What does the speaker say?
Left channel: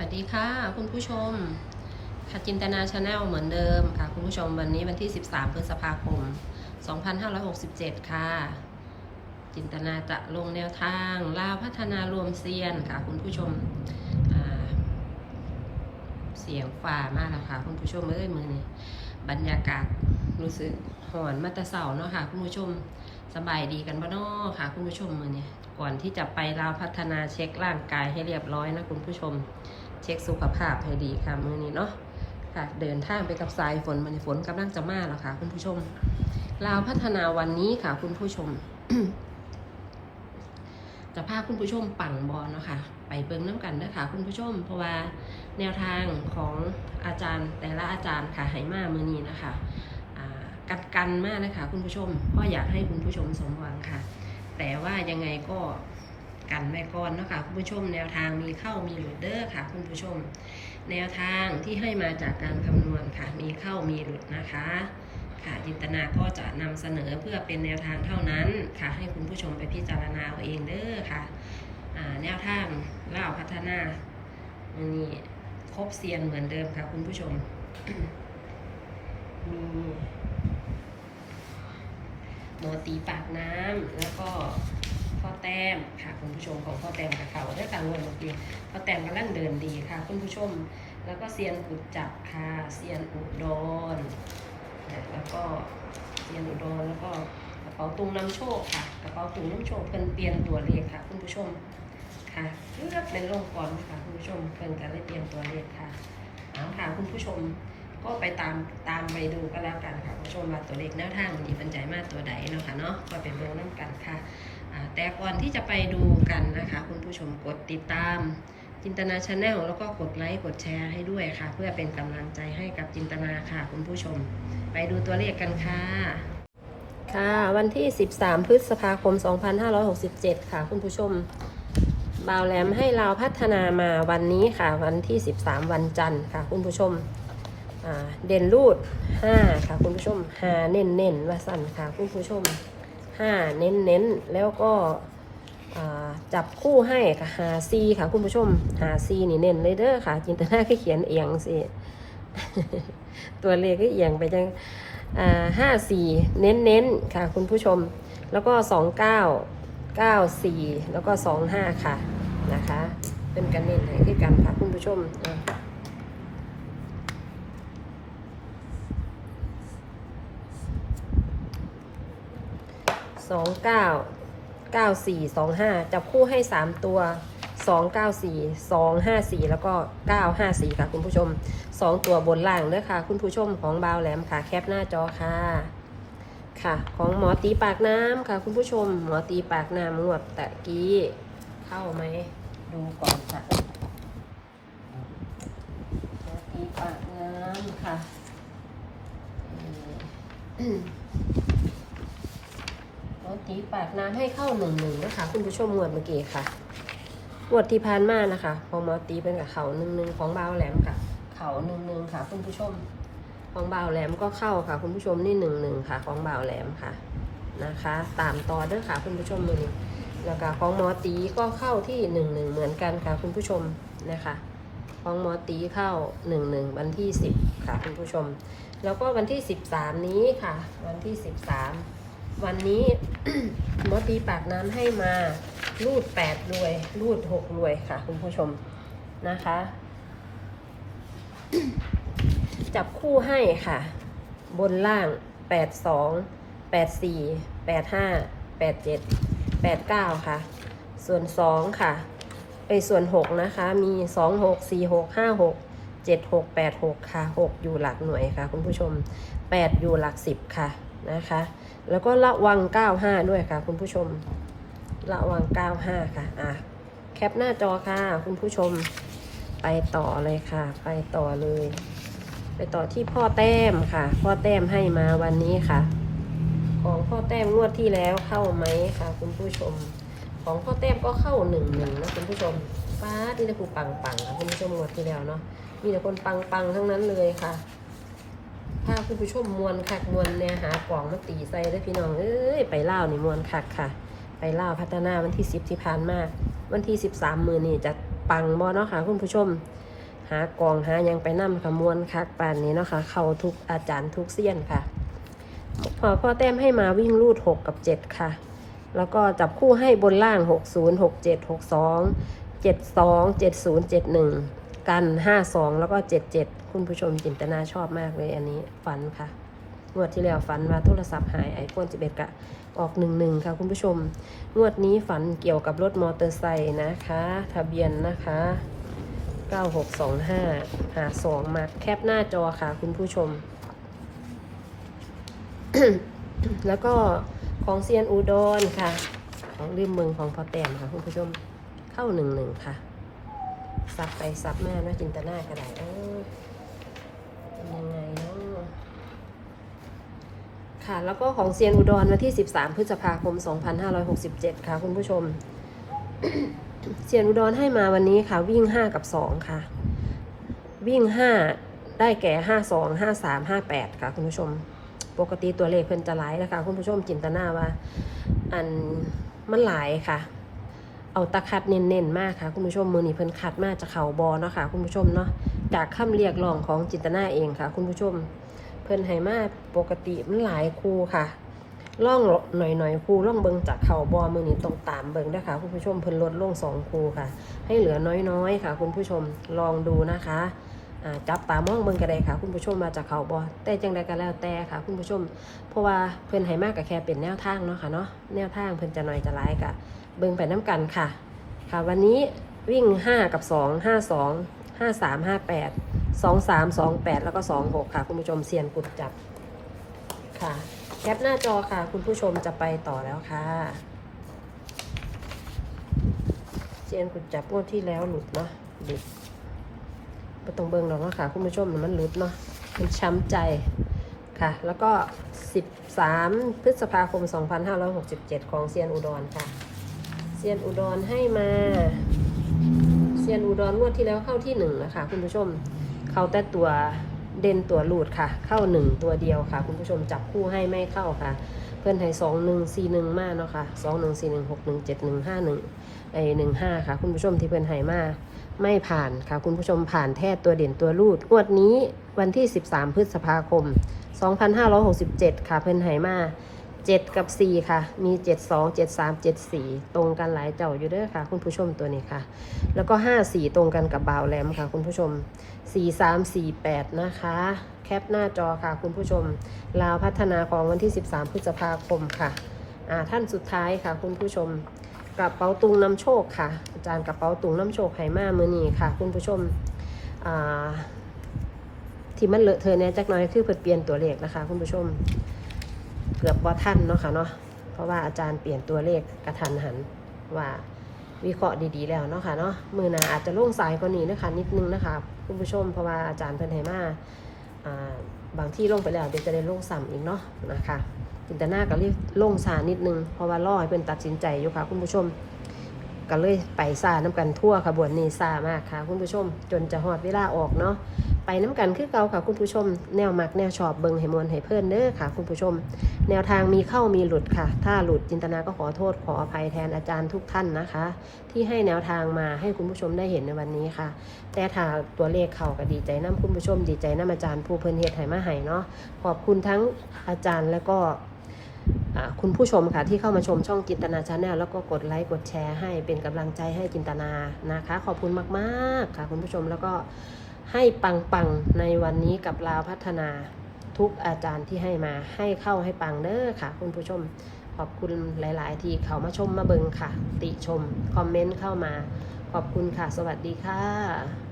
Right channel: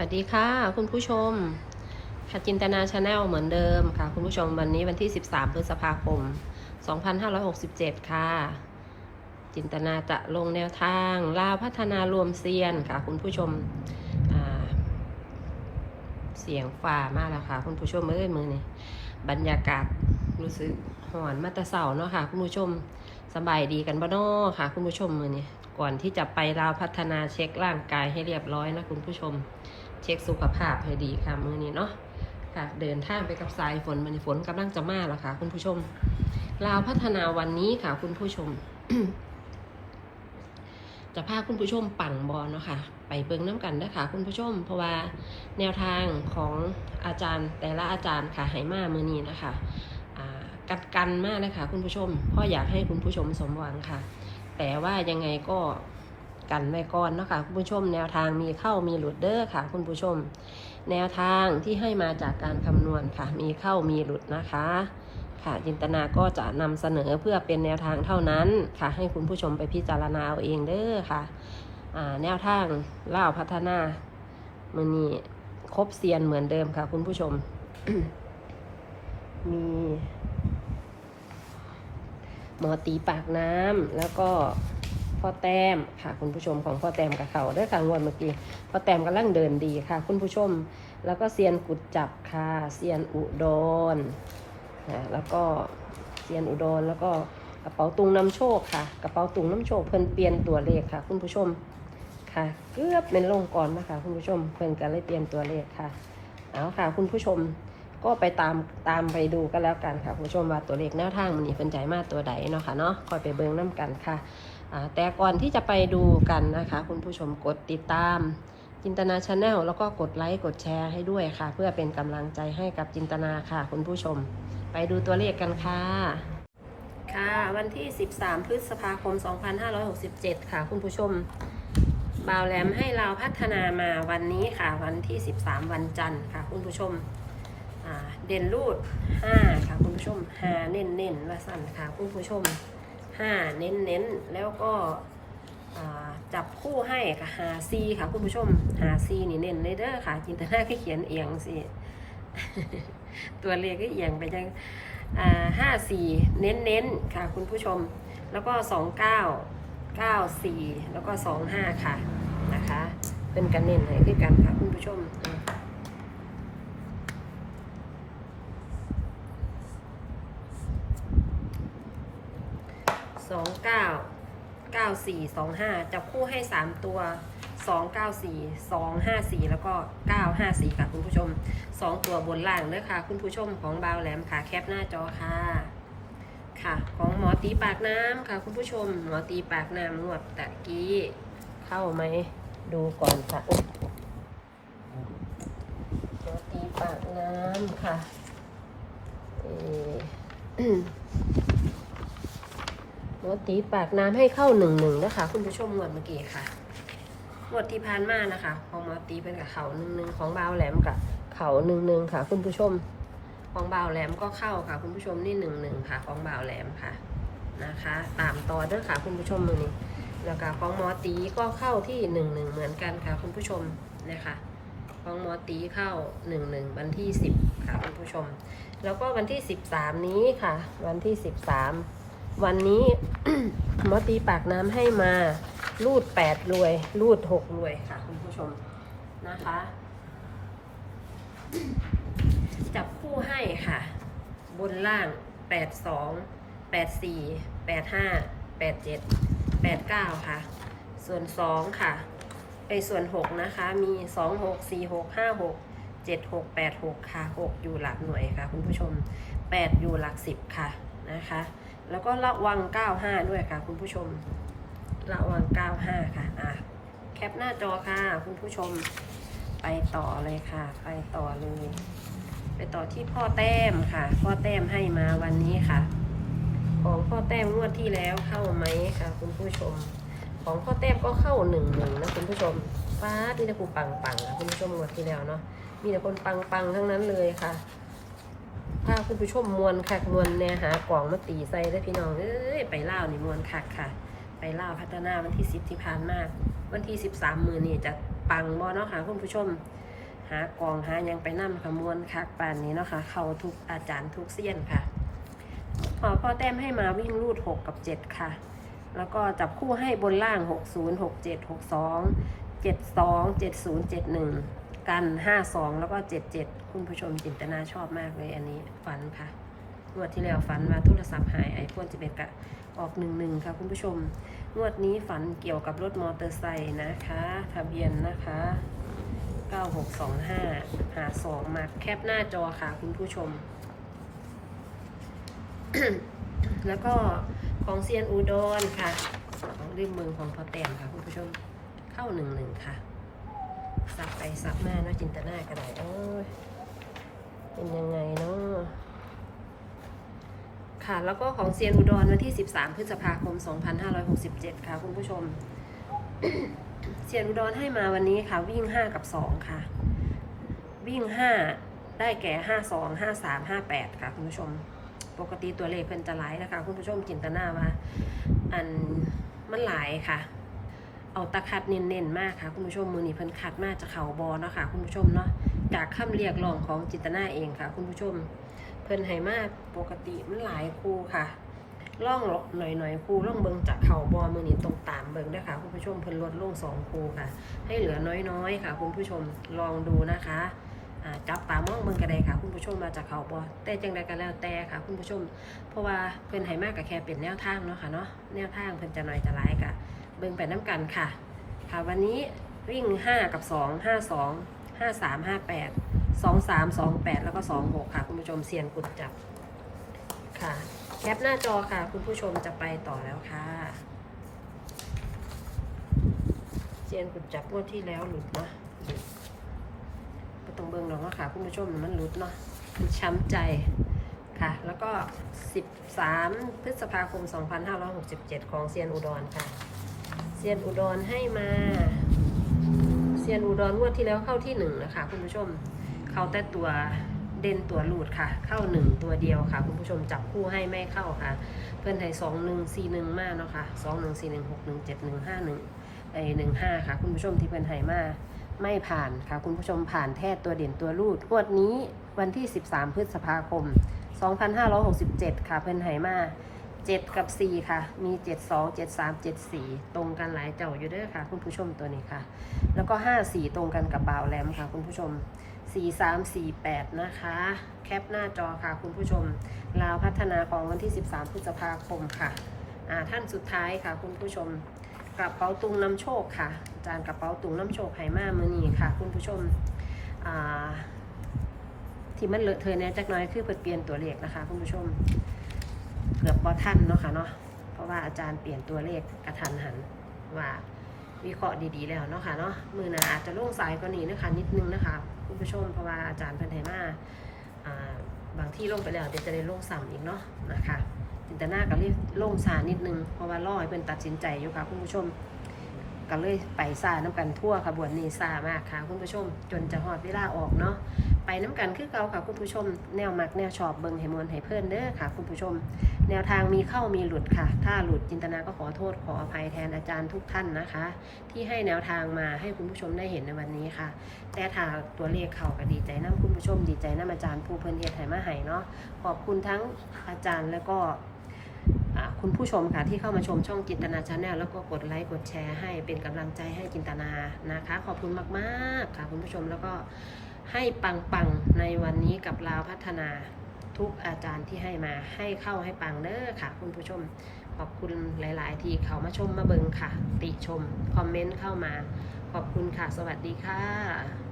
วัสดีค่ะ คุณผู้ชมค่ะจินตนาชาแนลเหมือนเดิมค่ะ คุณผู้ชมวันนี้วันที่ 13 พฤษภาคม 2567 ค่ะ จินตนาจะลงแนวทางลาวพัฒนารวมเซียนค่ะ คุณผู้ชมเสียงฝ่ามากแล้วค่ะ คุณผู้ชมเอ้ยมือนี่บรรยากาศรู้สึกหอนมาตะเสาเนาะค่ะ คุณผู้ชมสบายดีกันบ้านอค่ะ คุณผู้ชมมือนี่ก่อนที่จะไปลาวพัฒนาเช็คร่างกายให้เรียบร้อยนะคุณผู้ชม เช็คสุขภาพให้ดีค่ะมือนี้เนาะค่ะเดินทางไปกับสายฝนมันฝนกำลังจะมาแล้วค่ะ คุณผู้ชมลาวพัฒนาวันนี้ค่ะ คุณผู้ชม จะพาคุณผู้ชมปั่งบอลเนาะค่ะ ไปเบิ่งน้ำกันนะคะคุณผู้ชม เพราะว่าแนวทางของอาจารย์แต่ละอาจารย์ค่ะไหมามือนี้นะคะกัดกันมากนะคะคุณผู้ชมพราะอยากให้คุณผู้ชมสมหวังค่ะ แต่ว่ายังไงก็ กันไว้ก่อนเนาะคะคุณผู้ชมแนวทางมีเข้ามีหลุดเด้อค่ะ คุณผู้ชม แนวทางที่ให้มาจากการคำนวณค่ะ มีเข้ามีหลุดนะคะค่ะจินตนาก็จะนำเสนอเพื่อเป็นแนวทางเท่านั้นค่ะ ให้คุณผู้ชมไปพิจารณาเอาเองเด้อค่ะแนวทางเล่าพัฒนามันมีครบเซียนเหมือนเดิมค่ะ คุณผู้ชมมีหมอตีปากน้ำแล้วก็ พ่อแต้มค่ะคุณผู้ชมของพ่อแต้มกับเขาเด้อค่ะงวดเมื่อกี้พ่อแต้มกำลังเดินดีค่ะ คุณผู้ชม แล้วก็เซียนกุดจับค่ะเซียนอุดรนะแล้วก็เรียนอุดรแล้วก็กระเป๋าตุงน้ำโชคค่ะ กระเป๋าตุงน้ำโชคเพิ่นเปลี่ยนตัวเลขค่ะ คุณผู้ชมค่ะเลือดเป็นลงก่อนนะคะคุณผู้ชมเพิ่นก็เลยเปลี่ยนตัวเลขค่ะเอาค่ะ คุณผู้ชมก็ไปตามตามไปดูกันแล้วกันค่ะ คุณผู้ชมว่าตัวเลขหน้าทางมันนี่เป็นใจมากตัวใดเนาะค่ะเนาะคอยไปเบิ่งน้กันค่ะ แต่ก่อนที่จะไปดูกันนะคะ คุณผู้ชมกดติดตามจินตนาชาแนลแล้วก็กดไลค์กดแชร์ให้ด้วยค่ะ เพื่อเป็นกำลังใจให้กับจินตนาค่ะ คุณผู้ชม ไปดูตัวเลขกันค่ะ ค่ะ วันที่ 13 พฤษภาคม 2567 ค่ะ คุณผู้ชมบ่าวแหลมให้เราพัฒนามาวันนี้ค่ะ วันที่ 13 วันจันทร์ค่ะ คุณผู้ชมเด่นรูด 5 ค่ะ คุณผู้ชมหาเน้นเน้นๆว่าสั่นค่ะ คุณผู้ชม 5เน้นเน้นแล้วก็จับคู่ให้ค่ะหาซีค่ะคุณผู้ชมหาซีนี่เน้นเลยเด้อค่ะ จินตนาแค่เขียนเอียงสิตัวเลขก็เอียงไปจังห้าสี่เน้นเน้นค่ะ คุณผู้ชม แล้วก็สองเก้าเก้าสี่แล้วก็สองห้าค่ะนะคะ เป็นกันเน้นให้ด้วยกันค่ะคุณผู้ชม สองเก้าเก้าสี่สองห้าจับคู่ให้สามตัวสองเก้าสี่สองห้าสี่แล้วก็เก้าห้าสี่ค่ะคุณผู้ชมสองตัวบนล่างเด้อค่ะ คุณผู้ชมของบาวแหลมค่ะแคปหน้าจอค่ะ ค่ะ ของหมอตีปากน้ำค่ะ คุณผู้ชม หมอตีปากน้ำงวดตะกี้ เข้าไหมดูก่อนค่ะหมอตีปากน้ำค่ะเออ ตีปากน้ำให้เข้าหนึ่งหนึ่งนะคะ คุณผู้ชมงวดเมื่อกี้ค่ะงวดที่ผ่านมานะคะของหมอตีเป็นกับเขาหนึ่งหนึ่งของบาวแหลมกับเขาหนึ่งหนึ่งค่ะ คุณผู้ชม ของบาวแหลมก็เข้าค่ะ คุณผู้ชมนี่หนึ่งหนึ่งค่ะ ของบาวแหลมค่ะนะคะ ตามต่อเด้อค่ะ คุณผู้ชมมือนี้แล้วก็ของหมอตีก็เข้าที่หนึ่งหนึ่งเหมือนกันค่ะ คุณผู้ชมนะคะของหมอตีเข้าหนึ่งหนึ่งวันที่สิบค่ะ คุณผู้ชม แล้วก็วันที่สิบสามนี้ค่ะ วันที่สิบสาม วันนี้หมอตีปากน้ำให้มารูดแปดรวย รูดหกรวยค่ะ คุณผู้ชมนะคะ จับคู่ให้ค่ะ บนล่างแปดสองแปดสี่แปดห้าแปดเจ็ดแปดเก้าค่ะ ส่วนสองค่ะ ไปส่วนหกนะคะ มีสองหกสี่หกห้าหกเจ็ดหกแปดหกค่ะหกอยู่หลักหน่วยค่ะ คุณผู้ชมแปดอยู่หลักสิบค่ะนะคะ แล้วก็ระวังเก้าห้าด้วยค่ะ คุณผู้ชม ระวัง 95 ค่ะอะแคปหน้าจอค่ะ คุณผู้ชมไปต่อเลยค่ะ ไปต่อเลย ไปต่อที่พ่อแต้มค่ะ พ่อแต้มให้มาวันนี้ค่ะ ของพ่อแต้มงวดที่แล้วเข้าไหมค่ะ คุณผู้ชม ของพ่อแต้มก็เข้าหนึ่งหนึ่งนะคุณผู้ชมป้าดนี่นะผู้ปังปังๆค่ะคุณผู้ชมงวดที่แล้วเนาะมีแต่คนปังปังๆทั้งนั้นเลยค่ะ พาคุณผู้ชมมวนคักมวนแนหากล่องมาตีใส่ได้พี่น้องเอ้ยไปเล่านี่มวนคักค่ะ ไปเล่าพัฒนาวันที่สิบที่ผ่านมาวันที่สิบสามมือนี่จะปังบอเนาะค่ะคุณผู้ชม หากล่องหายังไปนํขมวนคักป่านนี้เนาะค่ะเข้าทุกอาจารย์ทุกเซียนค่ะพอพ่อแต้มให้มาวิ่งรูด6กับ7ค่ะ แล้วก็จับคู่ให้บนล่าง60 67 62 72 70 71กันย์เจ็ดหนึ่ง กัน52แล้วก็77คุณผู้ชมจินตนาชอบมากเลยอันนี้ฝันค่ะงวดที่แล้วฝันว่าโทรศัพท์หายไอโฟน11กะออก11ค่ะคุณผู้ชม งวดนี้ฝันเกี่ยวกับรถมอเตอร์ไซค์นะคะ ทะเบียนนะคะ 9625 หา2มาแคปหน้าจอค่ะคุณผู้ชม แล้วก็ของเซียนอุดรค่ะ ของลืมเมืองของพอแต้มค่ะคุณผู้ชมเข้าหนึ่งหนึ่งค่ะ สับไปสับมาเนาะจินตนากระไดเออเป็นยังไงเนาะค่ะ แล้วก็ของเซียนอุดรวันที่ 13 พฤษภาคม 2567 ค่ะ คุณผู้ชม เซียนอุดรให้มาวันนี้ค่ะ วิ่ง 5 กับ 2 ค่ะ วิ่ง 5 ได้แก่ 5 2 5 3 5 8 ค่ะ คุณผู้ชม ปกติตัวเลขเพิ่นจะหลายนะคะคุณผู้ชมจินตนาว่า อันมันหลายค่ะ เอาตะคัดเน้นๆมากค่ะ คุณผู้ชมมือนี้เพิ่นคัดมากจากเข่าบอเนาะค่ะ คุณผู้ชมเนาะจากคำเรียกร้องของจิตนาเองค่ะ คุณผู้ชม เพิ่นให้มาปกติมันหลายคู่ค่ะล่องหน่อยๆคู่ล่องเบิงจากเข่าบอมือนี้ต้องตามเบิงด้ค่ะคุณผู้ชมเพิ่นลดลงสองคูค่ะ ให้เหลือน้อยๆค่ะ คุณผู้ชมลองดูนะคะจับตามองเบิงกระไดค่ะ คุณผู้ชมมาจากเขาบอแต่จังใดก็แล้วแต่ค่ะ คุณผู้ชม เพราะว่าเพิ่นให้มากกับแค่เป็นแนวทางเนาะค่ะเนาะแนวทางเพิ่นจะหน่อยจะร้ายกะ เบิ่งไปน้ำกันค่ะ ค่ะ วันนี้วิ่ง 5 กับ 2 5 2 5 3 5 8 2 3 2 8 แล้วก็ 2 6 ค่ะ คุณผู้ชมเซียนกดจับ ค่ะ แคปหน้าจอค่ะ คุณผู้ชมจะไปต่อแล้วค่ะเซียนกุดจับงวดที่แล้วหลุดเนาะหลุดไปตรงเบิ่งเราเนาะค่ะ คุณผู้ชมมันหลุดเนาะมันช้ำใจค่ะ แล้วก็ 13 พฤษภาคม 2567 ของเซียนอุดรค่ะ ซียนอุดรให้มาเซียนอุดรงวดที่แล้วเข้าที่หนึ่งนะคะคุณผู้ชมเข้าแต่ตัวเด่นตัวหลุดค่ะ เข้าหนึ่งตัวเดียวค่ะ คุณผู้ชมจับคู่ให้ไม่เข้าค่ะ เพื่อนไทยสองหนึ่งสี่หนึ่งมากเนาะค่ะสองหนึ่งสี่หนึ่งหกหนึ่งเจ็ดหนึ่งห้าหนึ่งไอหนึ่งห้าค่ะ คุณผู้ชมที่เพื่อนไทยมาไม่ผ่านค่ะ คุณผู้ชมผ่านแท้ตัวเด่นตัวรูดงวดนี้วันที่ 13 พฤษภาคม 2567 ค่ะ เพิ่อนไหมา 7กับ4ค่ะ มี7 2 7 3 7 4ตรงกันหลายเจ้าอยู่เด้อค่ะ คุณผู้ชมตัวนี้ค่ะ แล้วก็5 4ตรงกันกับบาวแหลมค่ะ คุณผู้ชม4 3 4 8นะคะ แคปหน้าจอค่ะ คุณผู้ชม ลาวพัฒนาของวันที่13พฤษภาคมค่ะ อ่าท่านสุดท้ายค่ะ คุณผู้ชมกระเป๋าตุงน้ำโชคค่ะ อาจารย์กระเป๋าตุงน้ำโชคไหมาเมือนี้ค่ะ คุณผู้ชมอ่าที่มันเลอะเทอะเนี่ยจักน้อยคือเปลี่ยนตัวเลขนะคะ คุณผู้ชม เกือบว่าท่านเนาะค่ะเนาะเพราะว่าอาจารย์เปลี่ยนตัวเลขกระทันหันว่าวิเคราะห์ดีๆแล้วเนาะค่ะเนาะมือหนาอาจจะล่วงสายกว่านี้นะคะนิดนึงนะคะคุณผู้ชมเพราะว่าอาจารย์เพิ่นให้มาอ่าบางที่ลงไปแล้วเดี๋ยวจะได้ลงซ้ำอีกเนาะนะคะจินตนาก็รีบลงสานิดนึงเพราะว่ารอให้เป็นตัดสินใจอยู่ค่ะคุณผู้ชม ก็เลยไปซาน้ำกันทั่วขบวนนี้ซามากค่ะ คุณผู้ชม จนจะหอดเวลาออกเนาะไปน้ำกันคือเก่าค่ะคุณผู้ชม แนวมักแนวชอบเบิงให้มวลให้เพื่อนเด้อค่ะ คุณผู้ชม แนวทางมีเข้ามีหลุดค่ะ ถ้าหลุดจินตนาก็ขอโทษขออภัยแทนอาจารย์ทุกท่านนะคะ ที่ให้แนวทางมาให้คุณผู้ชมได้เห็นในวันนี้ค่ะ แต่ถ้าตัวเลขเข้าก็ดีใจน้ำคุณผู้ชม ดีใจน้ำอาจารย์ผู้เพื่อนเฮ็ดให้มาให้เนาะขอบคุณทั้งอาจารย์แล้วก็ คุณผู้ชมค่ะที่เข้ามาชมช่องจินตนาชาแนลแล้วก็กดไลค์กดแชร์ให้เป็นกำลังใจให้จินตนานะคะ ขอบคุณมากๆค่ะคุณผู้ชมแล้วก็ให้ปังๆในวันนี้กับลาวพัฒนาทุกอาจารย์ที่ให้มาให้เข้าให้ปังเด้อค่ะ คุณผู้ชมขอบคุณหลาย ๆ ที่เขามาชมมาเบิงค่ะ ติชม คอมเมนต์เข้ามา ขอบคุณค่ะ สวัสดีค่ะ